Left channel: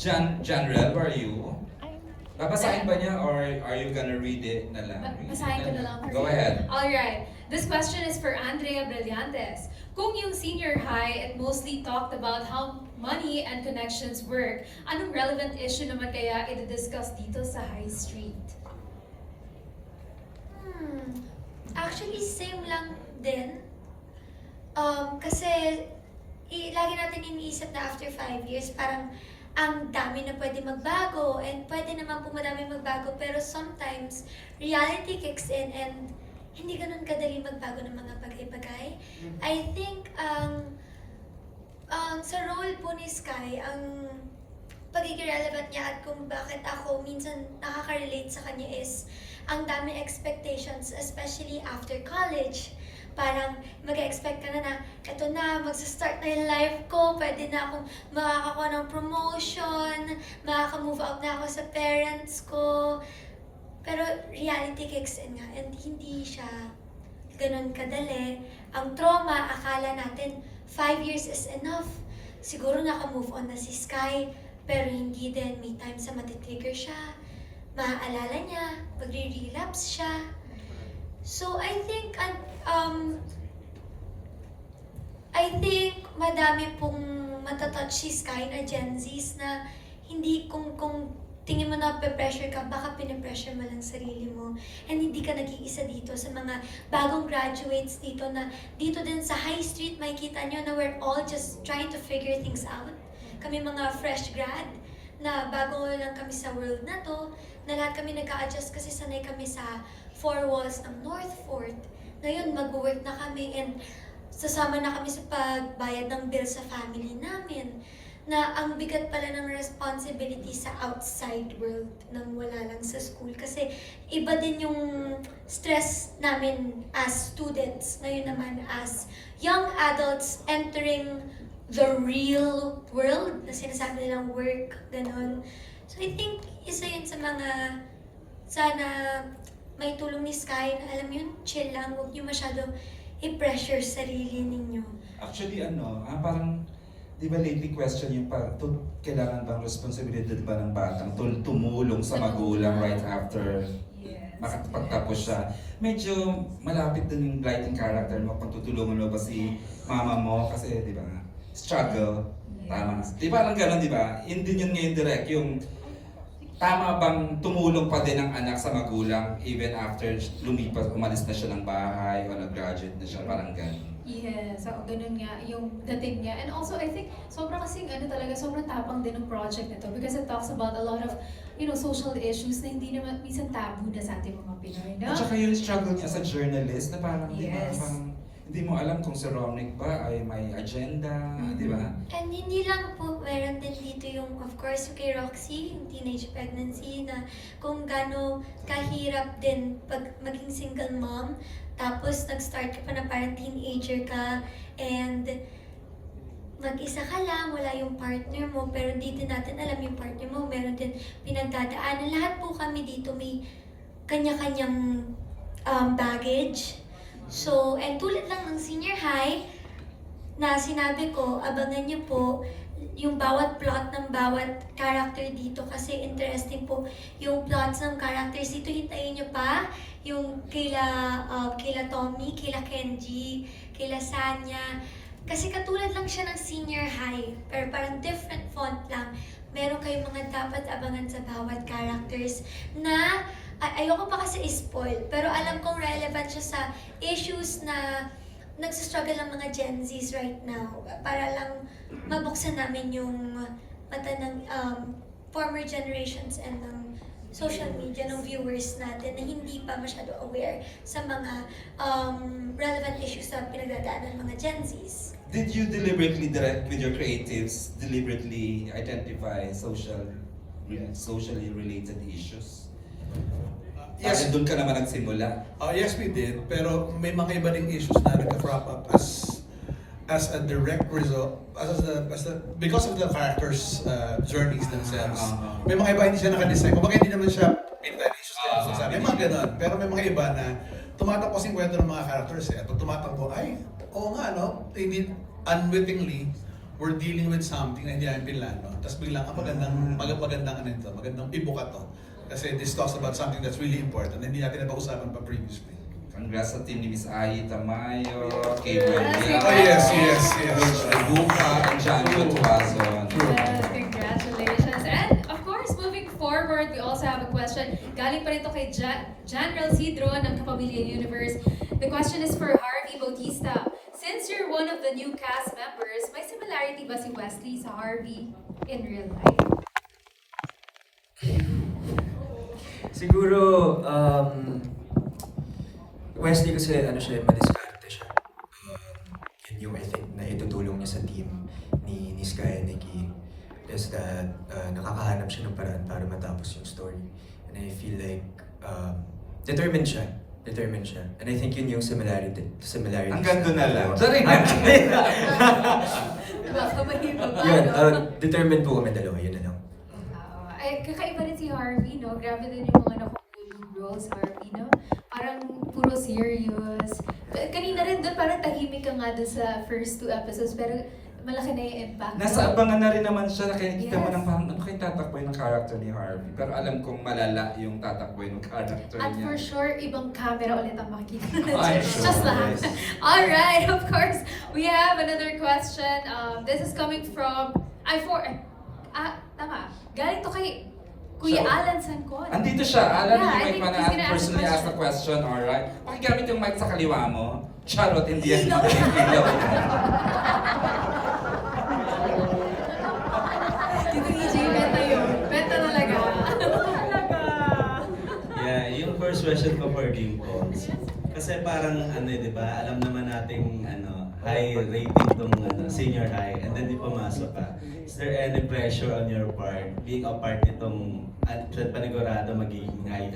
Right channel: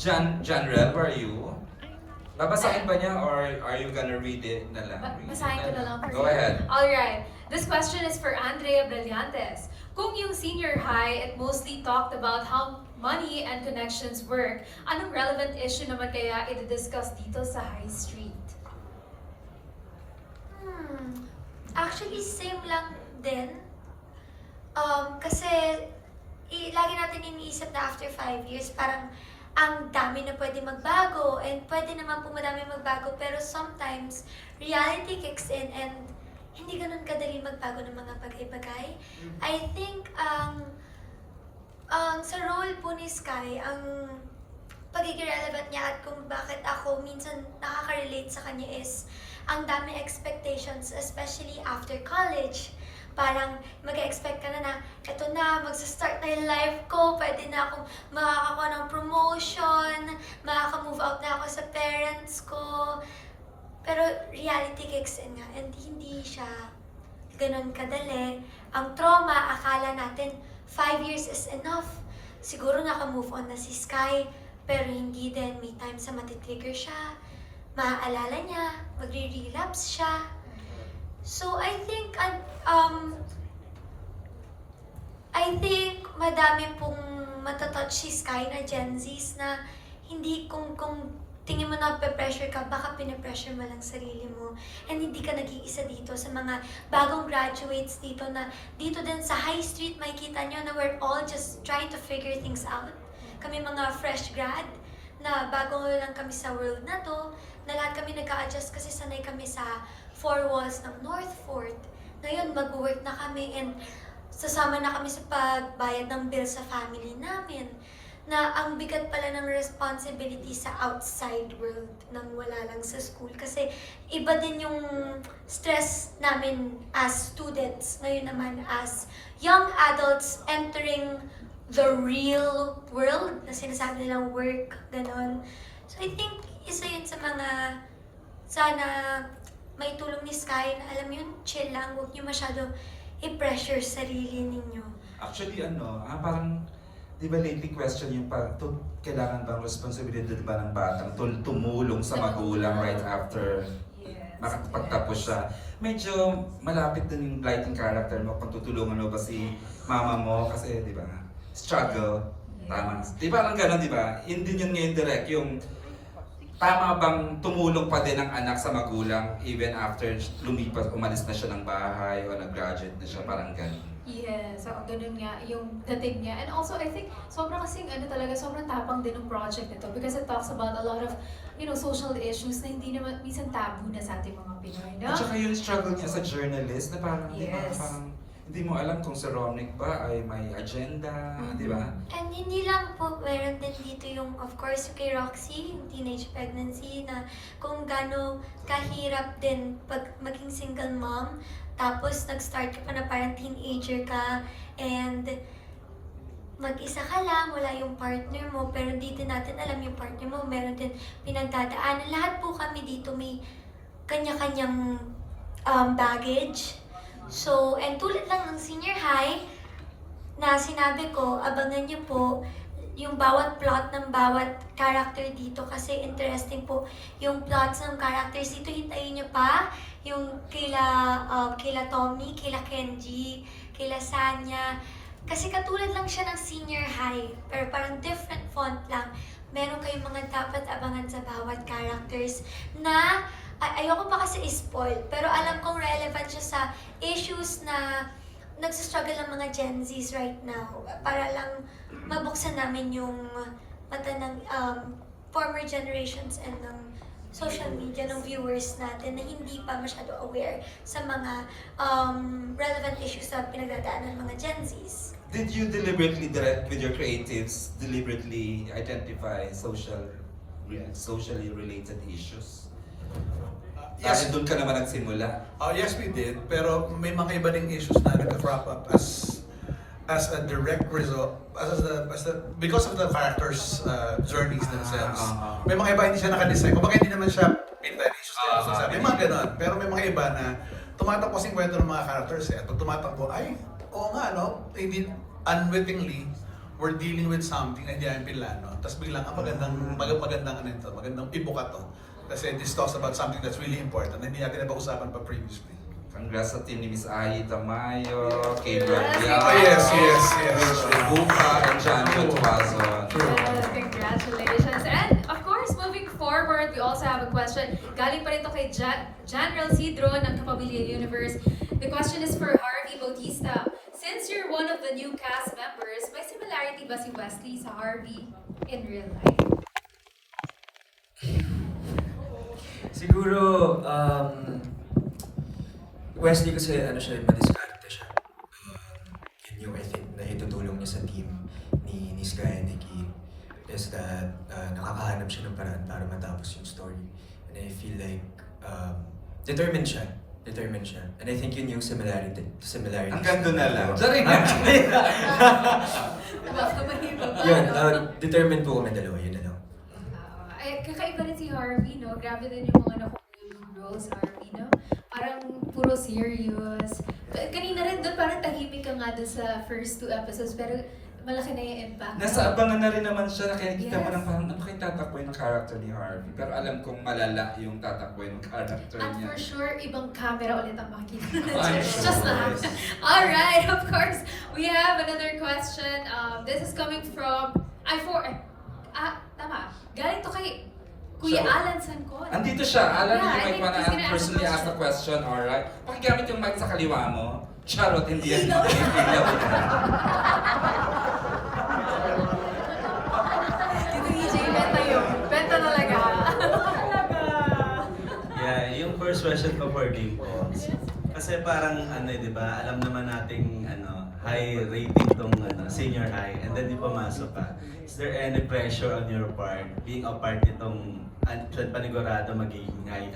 Janrel, where are you? Babasahin ba niya or are you gonna read it na lang? Basahin ko na lang. Go ahead. Alright, this question is for Andrea Brillantes. Kung yung senior high, it mostly talked about how money and connections work, anong relevant issue naman kaya i-discuss dito sa High Street? Actually, same lang din. Kasi lagi natin iniisip na after 5 years, parang ang dami na pwede magbago and pwede naman po madami magbago, pero sometimes reality kicks in and hindi ganun kadali magbago ng mga bagay-bagay. I think sa role po ni Sky, ang pagiging relevant niya at kung bakit ako minsan nakaka-relate sa kanya is ang dami expectations, especially after college. Parang mag-expect ka na eto na, magsa-start na yung life ko, pwede na akong makakakuha ng promotion, makaka-move out na ako sa parents ko. Pero reality kicks in nga, and hindi siya ganun kadali. Ang trauma, akala natin 5 years is enough. Siguro naka-move on na si Sky, pero hindi din. May times na matitrigger siya, maaalala niya, magre-relapse siya. So I think madami pong matatouch si Sky na Gen Zs na hindi kung tingin mo na pe-pressure ka, baka pinapressure mo lang sarili mo. And hindi ka nag-iisa dito sa mga bagong graduates dito na dito din sa High Street makikita nyo na we're all just trying to figure things out. Kami mga fresh grad na bago lang kami sa world na to, na lahat kami nag-a-adjust kasi sanay kami sa four walls ng North Fort. Ngayon, mag-work na kami and sasama na kami sa pagbayad ng bill sa family namin. Na ang bigat pala ng responsibility sa outside world nang wala lang sa school. Kasi iba din yung stress namin as students. Ngayon naman as young adults entering the real world na sinasabi nilang work, ganon. So I think isa yun sa mga sana may tulong ni Sky na alam yun, chill lang, huwag niyo masyado i-pressure sarili ninyo. Actually, parang, di ba lately question yung kailangan bang responsibilidad ba ng batang tumulong sa magulang right after makapagtapos siya. Medyo malapit din yung writing character mo kung tutulungan mo ba si mama mo kasi, di ba, struggle. Tama. Di ba, ang gano'n, di ba? Yun din yun ngayon direct, yung tama bang tumulong pa din ang anak sa magulang even after umalis na siya ng bahay o nag-graduate na siya, parang gano'n? Yes, so ganun nga yung dating niya. And also, I think, sobrang tapang din ng project nito because it talks about a lot of, social issues na hindi naman minsan tabu na sa ating mga Pinoy, no? At saka yung struggle niya sa journalist na parang, di ba, Yes. parang hindi mo alam kung si Romnick ba ay may agenda, di ba? And hindi lang po, meron din dito yung, of course, kay Roxy, yung teenage pregnancy, na kung gaano kahirap din pag maging single mom, tapos nag-start ka pa na parang teenager ka, and mag-isa ka lang, wala yung partner mo, pero di din natin alam yung partner mo, meron din pinagdadaanan. Lahat po kami dito may kanya-kanyang baggage. So, and tulad lang ng senior high, na sinabi ko, abangan niyo po yung bawat plot ng bawat character dito kasi interesting po yung plots ng characters dito. Hintayin niyo pa yung kila Tommy, kila Kenji, kila Sanya. Kasi katulad lang siya ng senior high, pero parang different font lang. Meron kayong mga dapat abangan sa bawat characters na ayoko pa kasi i-spoil, pero alam kong relevant siya sa issues na nagsistruggle ang mga Gen Zs right now para lang mabuksan namin yung mata ng former generations and ng social media ng viewers natin na hindi pa masyado aware sa mga relevant issues na pinagdadaanan ng mga Gen Zs. Did you deliberately direct with your creatives, deliberately identify socially related issues? Yes. Dahil doon ka naman nagsimula. Yes, we did. Pero may mga iba ding issues na nag-crop up as a direct result, because of the characters' journeys themselves. May mga iba hindi siya naka-design. Kumbaga hindi naman siya pinta issues na may mga ganon. Pero may mga iba na tumatakbo yung kwento ng mga characters. Tumatakbo, ay, oo nga, no? Hindi unwittingly, we're dealing with something na hindi namin pinlano. Tapos biglang, magandang ibuka to. Kasi this talks about something that's really important na hindi natin napag-usapan pa previously. Congrats sa team ni Miss Ai Tamayo, kay Yes. Berlia, Oh, yes. Rich Lebuca, and John Tuazon. Yes, congratulations. And of course, moving forward, we also have a question. Galing pa rin to kay Janrel Cedro ng Kapamilya Universe. The question is for Harvey Bautista. Since you're one of the new cast members, may similarity ba si Wesley sa Harvey in real life? Siguro, Wesley kasi madiskarte siya. Yun yung I think na itutulong niya sa team ni Sky and Nikki is that nakakahanap siya ng paraan para matapos yung story. And I feel like determined siya. And I think yun yung similarity. Hanggang doon na lang. Baka mahirap ba, Yun, no? determined po kami dalawa, yun na lang. Ay, kakaiba rin si Harvey, no? Grabe din yung mga nakukulong roles, Harvey, no? Parang puro serious. Kanina rin doon, parang tahimik ka nga doon sa first 2 episodes, pero malaki na yung impact. Nasa abangan na rin naman siya, kaya kita mo Yes. nang parang ano kayong tatakboy ng character ni Harvey. Pero alam kong malala yung tatakboy ng character At niya. for sure, ibang camera ulit ang makikita I'm natin. sure, Just lahat. yes. Alright, of course, we have another question. This is coming from, tama, galing to kay Kuya So, Alan Sancon. Andito siya. Alam Yeah, niyo I may think panaan he's gonna ask personally a ask a question, alright? Pakigamit yung mic sa kaliwa mo. Charot, hindi yan. Ilaw. Dito EJ, benta yun. Benta talaga. Yeah, yung first question ko for Dimples. Kasi parang di ba, alam naman nating high rating tong senior high and then di pumasok ka. Is there any pressure on your part being a part nitong panigurado magiging high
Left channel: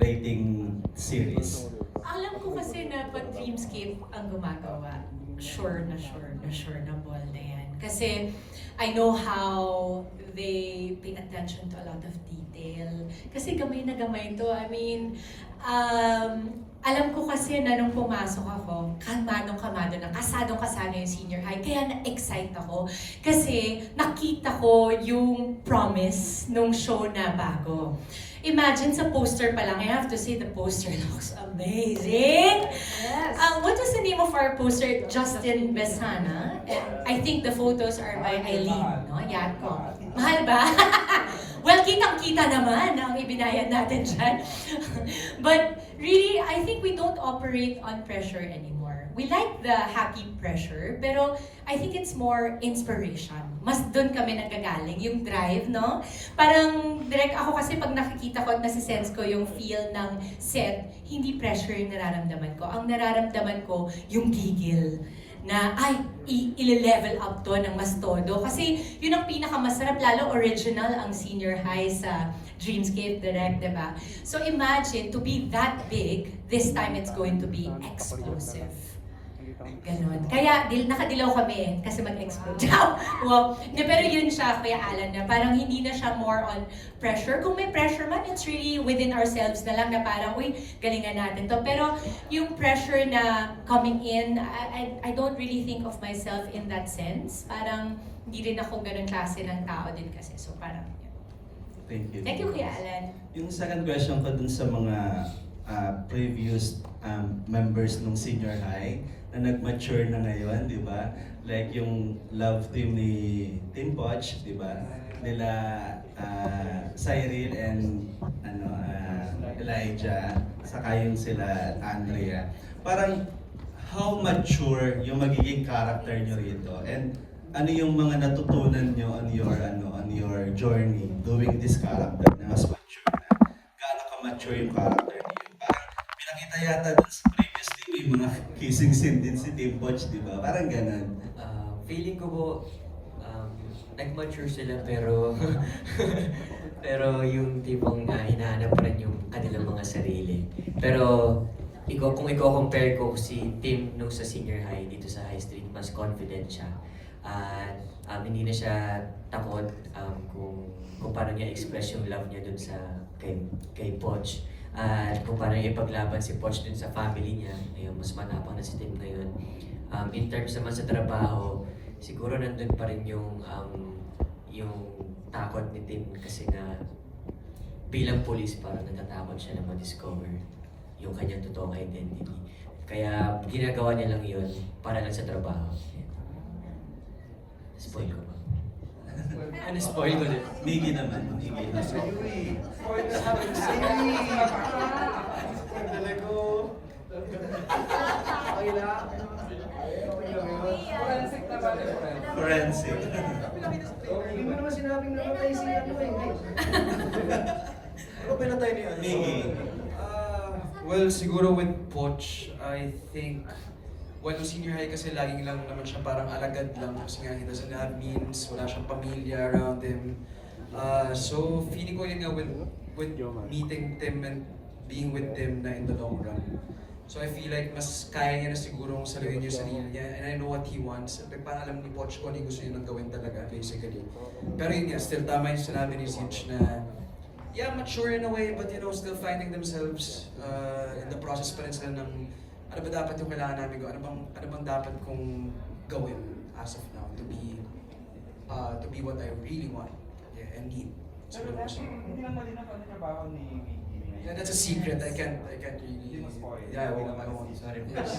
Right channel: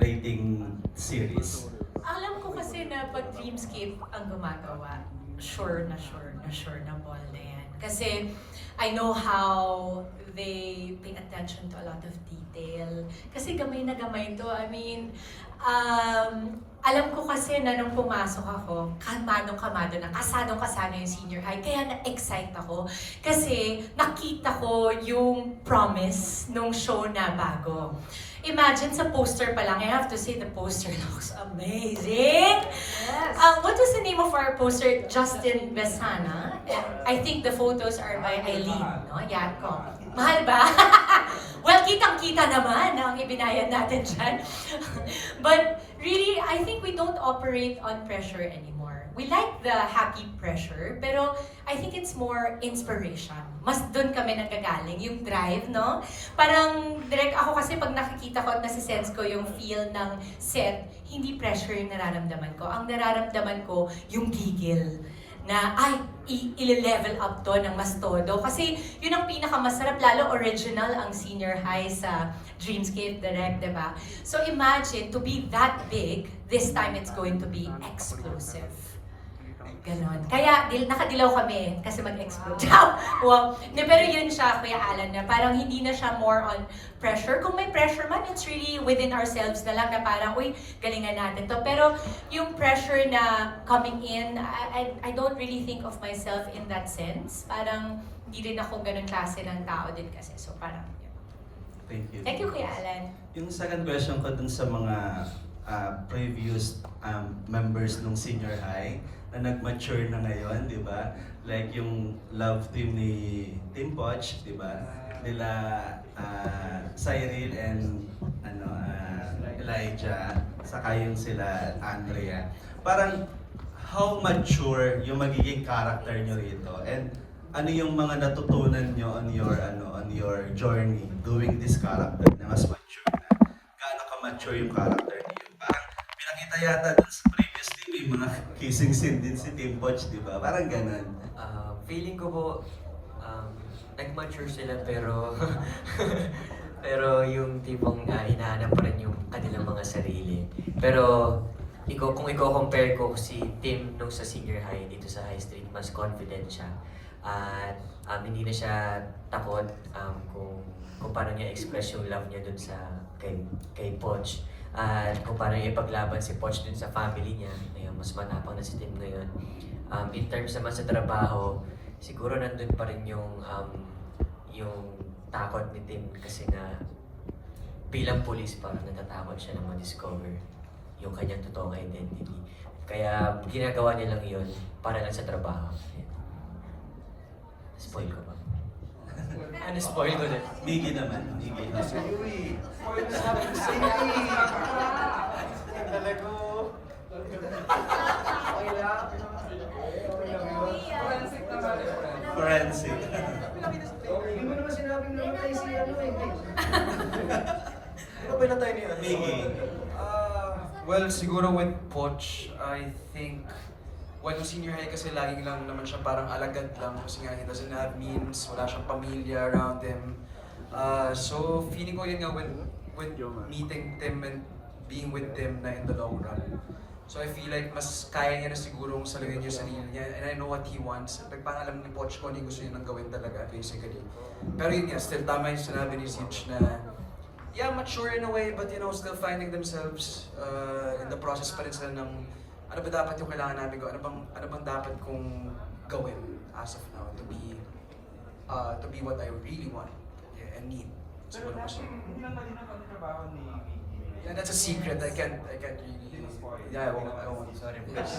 rating series? Alam ko kasi na pag Dreamscape ang gumagawa, sure na ball na yan. Kasi I know how they pay attention to a lot of detail. Kasi gamay na gamay to. I mean, alam ko kasi na nung pumasok ako, kalmadong-kalmado na, kasadong-kasado yung senior high. Kaya na-excite ako. Kasi nakita ko yung promise nung show na bago. Imagine sa poster pa lang, I have to say the poster looks amazing. Yes. What was the name of our poster? Justin Besana. I think the photos are by Eileen, no? Yan ko. Mahal ba? Well, kitang-kita naman ang ibinayad natin dyan. But really, I think we don't operate on pressure anymore. We like the happy pressure, pero I think it's more inspiration. Mas doon kami nagkagaling, yung drive, no? Parang direct ako kasi pag nakikita ko at nasisense ko yung feel ng set, hindi pressure yung nararamdaman ko. Ang nararamdaman ko, yung gigil na ay, i-level up to ng mas todo. Kasi yun ang pinakamasarap, lalo original ang senior high sa Dreamscape Direct, diba? So imagine, to be that big, this time it's going to be explosive. Ganon. Kaya nakadilaw kami kasi mag-explode. Wow. Pero yun siya, Kuya Alan, na parang hindi na siya more on pressure. Kung may pressure man, it's really within ourselves na lang na parang, uy, galingan natin to. Pero yung pressure na coming in, I don't really think of myself in that sense. Parang hindi rin ako ganun klase ng tao din kasi. So parang, yun. Thank you. Thank you, Kuya Alan. Yung second question ko dun sa mga previous members ng senior high na nag-mature na ngayon, di ba? Like yung love team ni Team Poch, di ba? Nila Cyril and Elijah, saka yung sila Andrea. Parang how mature yung magiging character nyo rito? And ano yung mga natutunan nyo on your journey doing this character na mas mature na? Gaano ka-mature yung character niyo? Parang pinakita yata dun sa previous team, may mga kissing scene din si Team Poch, di ba? Parang ganun. Feeling ko po, nag-mature sila pero pero yung tipong hinahanap pa rin yung kanilang mga sarili. Pero kung i-compare ko si Tim nung sa senior high dito sa High Street, mas confident siya. At hindi na siya takot kung paano niya express yung love niya dun sa kay Poch. At kung paano niya ipaglaban si Poch dun sa family niya, ayun, mas matapang na si Tim ngayon. In terms naman sa trabaho, siguro nandun pa rin yung takot ni Tim kasi nga bilang police parang natatakot siya na ma-discover yung kanyang totoong identity. Kaya ginagawa niya lang yun para lang sa trabaho. Spoil ko ba? Ano spoil ko din? Miggy naman. Miggy. Forensic. Hindi mo naman sinabing namatay si ano eh. Ano ba natay niya? Miggy. Well, siguro with Poch, I think when senior high kasi laging lang naman siya parang alagad lang kasi nga he doesn't have means, wala siyang pamilya around him. So feeling ko yun nga with meeting Tim and being with Tim na in the long run. So I feel like mas kaya niya na sigurong saluhin yung sarili niya and I know what he wants. Like, parang alam ni Poch ko ano yung gusto niya nang gawin talaga basically. Pero yun nga, still tama yung sinabi ni Zich na yeah, mature in a way, but you know, still finding themselves in the process pa rin sila ng ano ba dapat yung kailangan namin gawin, ano bang dapat kong gawin as of now to be what I really want and need. Pero Siguro dati, gusto. hindi lang malinaw ano trabaho ni Miggy. Yeah, that's a secret. I can't really. Yeah, I won't. Sorry, please.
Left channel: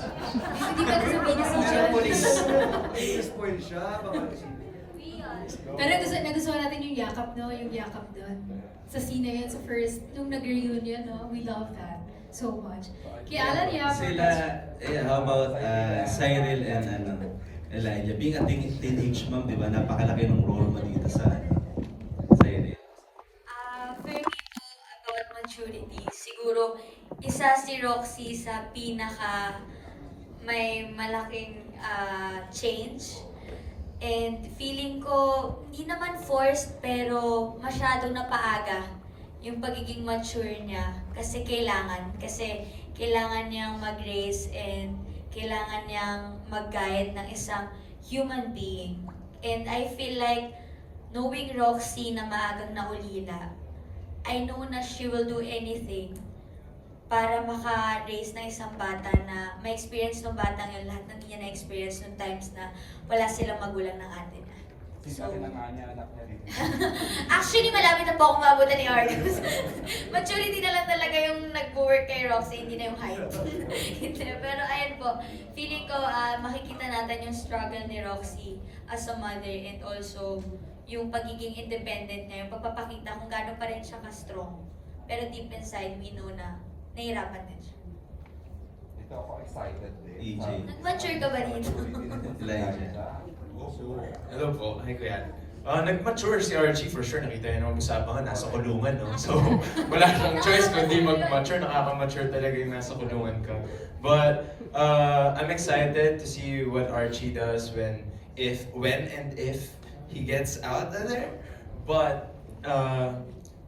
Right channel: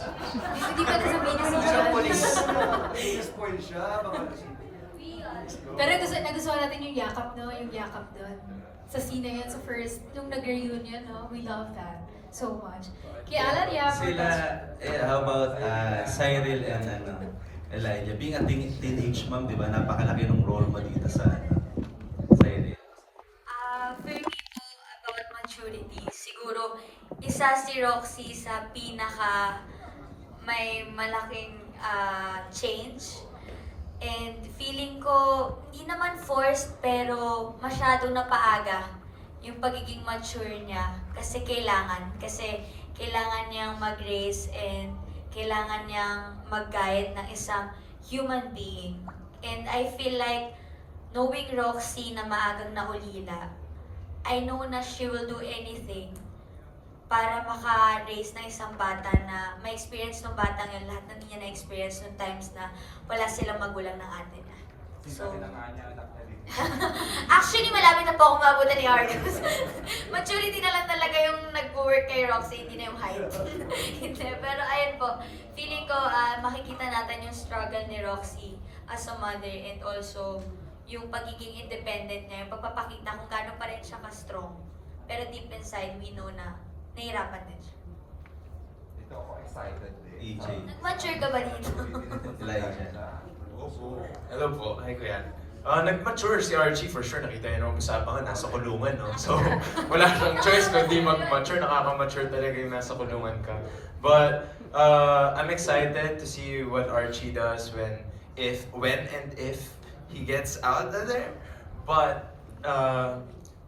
Hindi ka na sabihin na si John. Spoil siya, baka kasi. Pero nagustuhan natin yung yakap, no? Yung yakap doon. Sa scene na yun, sa first, nung nag-reunion, no? We love that so much. Kaya Alan, Sila, how about Cyril and Elijah? Being a teenage mom, di ba? Napakalaki ng role mo dito sa Cyril. For me po, about maturity, siguro isa si Roxy sa pinaka may malaking change. And feeling ko, hindi naman forced, pero masyado na paaga yung pagiging mature niya. Kasi kailangan niyang mag-raise and kailangan niyang mag-guide ng isang human being. And I feel like, knowing Roxy na maagang naulila, I know na she will do anything para maka-raise ng isang bata na may experience ng batang yun, lahat ng niya na-experience nung times na wala silang magulang ng ate niya. So, actually, malapit na po akong maabutan ni Argus. Maturity na lang talaga yung nag-work kay Roxy, hindi na yung height. Hindi, pero ayun po, feeling ko makikita natin yung struggle ni Roxy as a mother and also yung pagiging independent niya, yung pagpapakita kung gaano pa rin siya ka-strong. Pero deep inside, we know na nahirapan din siya. Ito ako excited din. EJ. Nag-mature ka ba dito? Elijah. Hello po, hi Kuya. Nag-mature si Archie for sure. Nakita yun nung usapan nga, nasa kulungan, no? So, wala siyang choice kundi mag-mature. Nakaka-mature talaga yung nasa kulungan ka. But, I'm excited to see what Archie does when and if he gets out of there. But,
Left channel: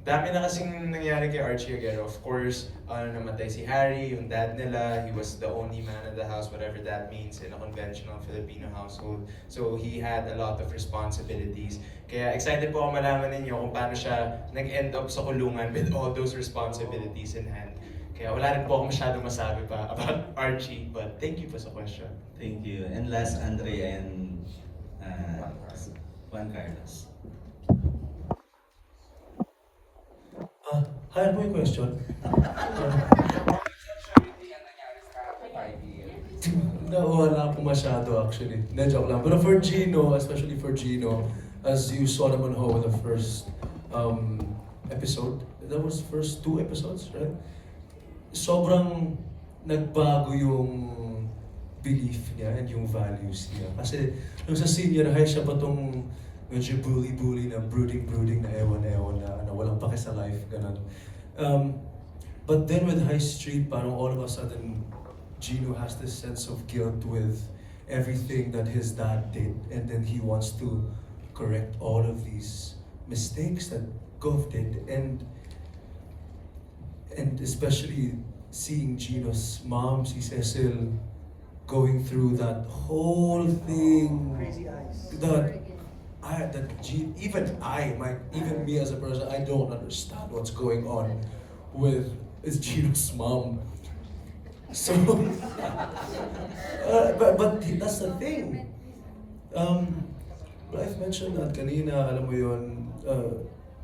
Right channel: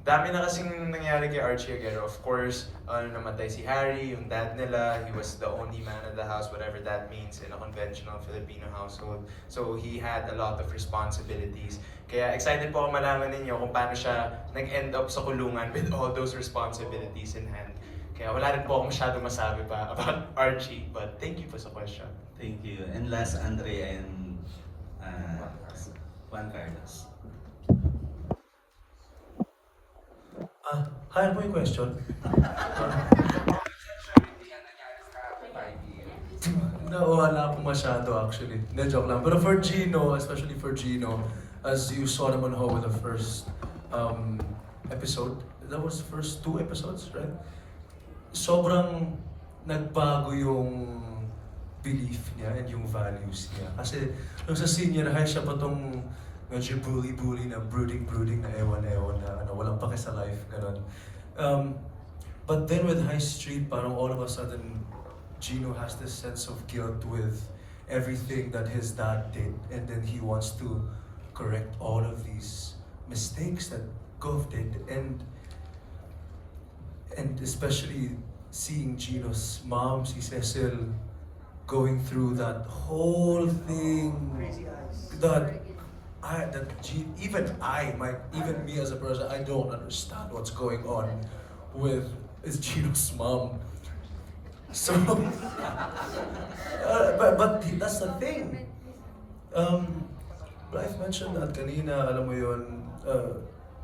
dami na kasing nangyari kay Archie Aguero. Of course, namatay si Harry, yung dad nila. He was the only man of the house, whatever that means in a conventional Filipino household. So he had a lot of responsibilities. Kaya excited po ako malaman ninyo kung paano siya nag-end up sa kulungan with all those responsibilities in hand. Kaya wala rin po ako masyadong masabi pa about Archie, but thank you po sa question. Thank you. And last, Andre and Juan Carlos. Hi, ano yung question? Wala po masyado actually. Hindi, joke lang. Pero for Gino, especially for Gino, as you saw naman ho in the first episode, that was the first 2 episodes, right? Sobrang nagbago yung belief niya and yung values niya. Kasi nung sa senior high siya pa tong medyo bully na brooding na ewan na ano, walang pake sa life, ganun. But then with High Street, parang all of a sudden, Gino has this sense of guilt with everything that his dad did, and then he wants to correct all of these mistakes that Gov did, and especially seeing Gino's mom, si Cecil, going through that whole thing, even me as a person, I don't understand what's going on with Gino's mom. So, but that's the thing. But I've mentioned that kanina, alam mo yun,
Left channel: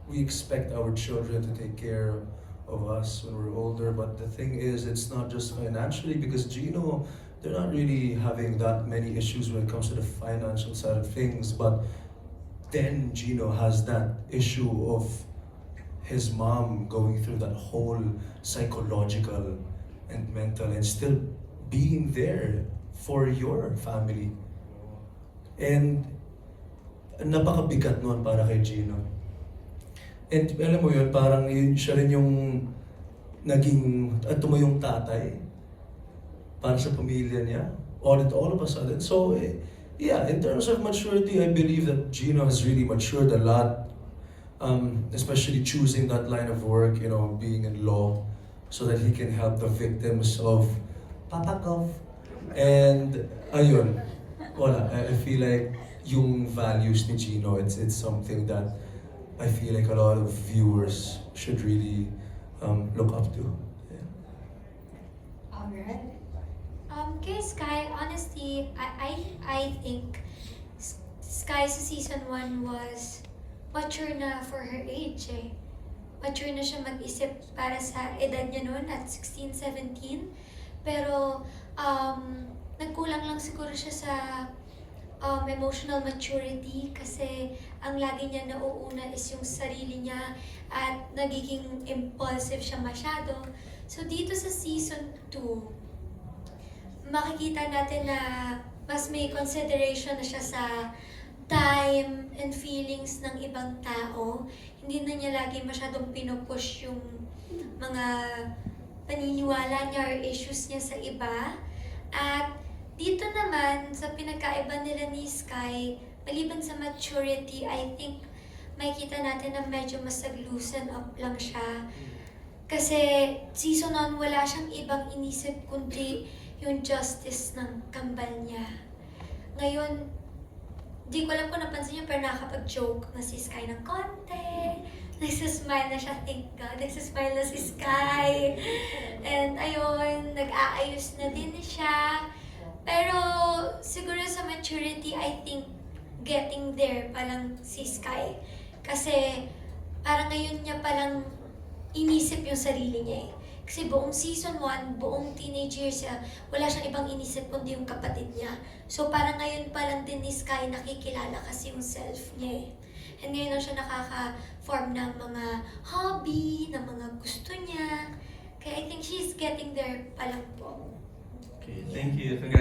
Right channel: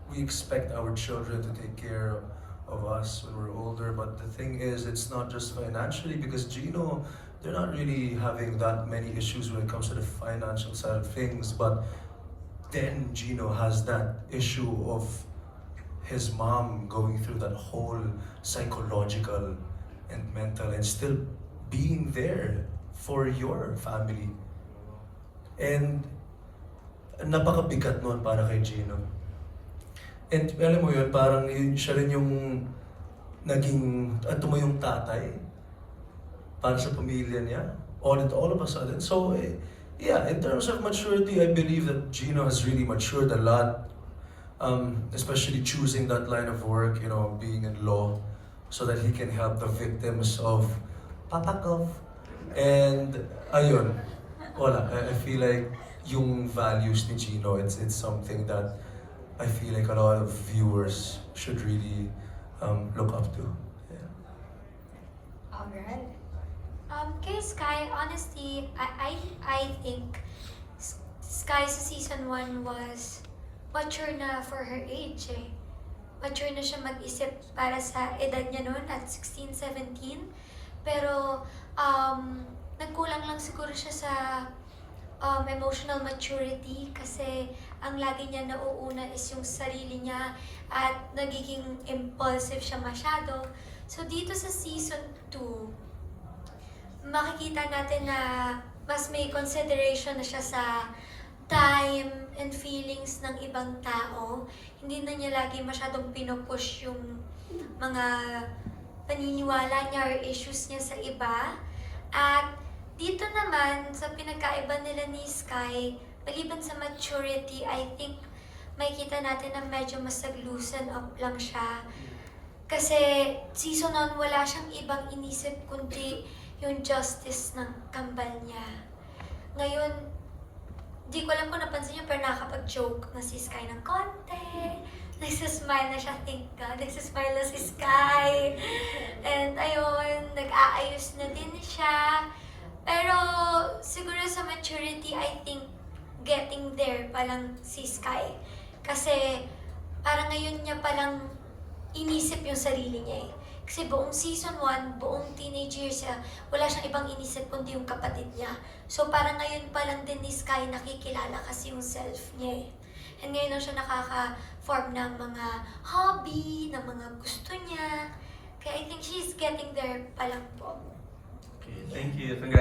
we expect our children to take care of us when we're older, but the thing is, it's not just financially, because Gino, they're not really having that many issues when it comes to the financial side of things, but then Gino has that issue of his mom going through that whole psychological and mental and still being there for your family. And napakabigat nun para kay Gino. And alam mo yun, parang yun, siya rin yung naging, tumuyong tatay para sa pamilya niya, all of a sudden. So, yeah, in terms of maturity, I believe that Gino has really matured a lot, especially choosing that line of work, you know, being in law, so that he can help the victims of Papa Gov. And, ayun, wala, I feel like yung values ni Gino, it's something that I feel like a lot of viewers should really look up to. Yeah. Alright. Kay Sky, honestly, I think Sky sa season 1 was mature na for her age eh. Mature na siya mag-isip para sa edad niya noon at 16, 17. Pero nagkulang lang siguro siya sa emotional maturity kasi ang lagi niya nauuna is yung sarili niya at nagiging impulsive siya masyado. So dito sa season 2, makikita natin na mas may consideration na siya sa time and feelings ng ibang tao. Hindi na niya lagi masyadong pinupush yung mga paniniwala niya or issues niya sa iba. At dito naman, sa pinagkaiba nila ni Sky, maliban sa maturity, I think makikita natin na medyo mas nag-loosen up lang siya. Kasi season 1, wala siyang ibang inisip kundi yung justice ng kambal niya. Ngayon, di ko alam kung napansin niyo, pero nakakapag-joke na si Sky ng konti. Nagsasmile na siya, thank God. Nagsasmile na si Sky. And ayun, nag-aayos na din siya. Pero siguro sa maturity, I think getting there palang si Sky. Kasi parang ngayon niya palang inisip yung sarili niya eh. Kasi buong season 1, buong teenage years niya, wala siyang ibang inisip kundi yung kapatid niya. So parang ngayon palang din ni Sky nakikilala kasi yung self niya eh. And ngayon lang siya nakaka-form ng mga hobby, ng mga gusto niya. Kaya I think she's getting there palang po. Okay, thank you. Congrats.